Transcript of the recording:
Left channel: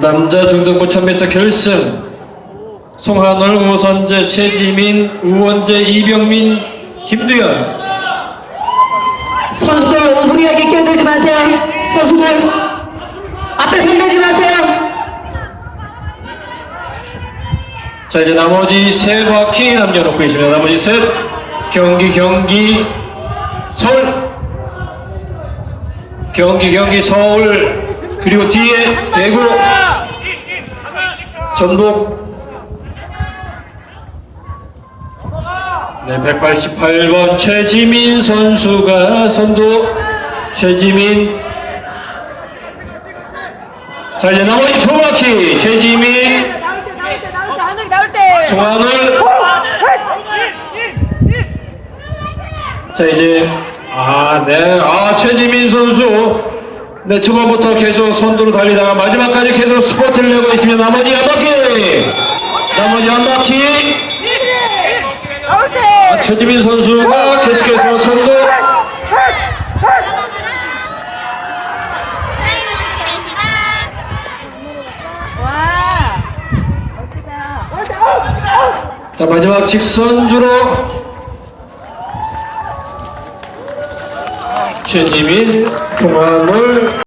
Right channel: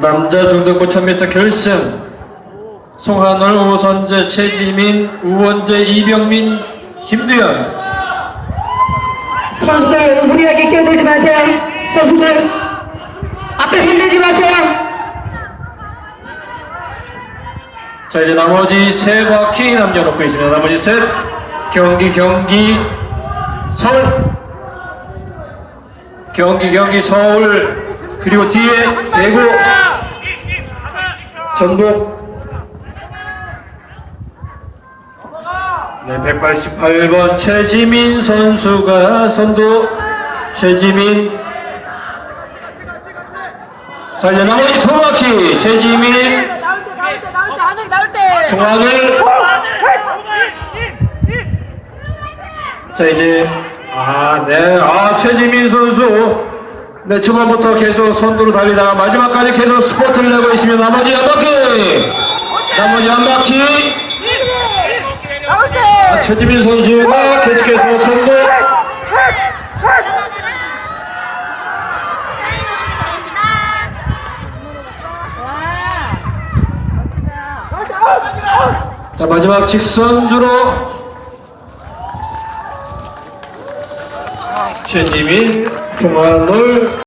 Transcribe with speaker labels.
Speaker 1: 남자 중등부 1000m 결승. 송한월, 우선재, 최지민, 우원재, 이병민, 김두현.
Speaker 2: 선수들 무리하게 끼어들지 마세요. 선수들 앞에 손대지 마세요.
Speaker 1: 자 이제 나머지 세 바퀴 남겨놓고 있습니다. 나머지 셋 경기 경기 서울. 경기 경기 서울. 그리고 뒤에 세고 전북. 네 188번 최지민 선수가 선두. 최지민 자 이제 나머지 두 바퀴 최지민.
Speaker 3: 나올 때 나올 때 나올 때 하늘이 나올 때
Speaker 1: 송하늘. 자 이제 아네아 최지민 선수. 네 초반부터 계속 선두로 달리다가 마지막까지 계속 스포트를 내고 있으면 나머지 한 바퀴. 나머지 한 바퀴.
Speaker 3: 나올 때
Speaker 1: 최지민 선수가 계속해서 선두 자 마지막 직선주로 최지민 송하늘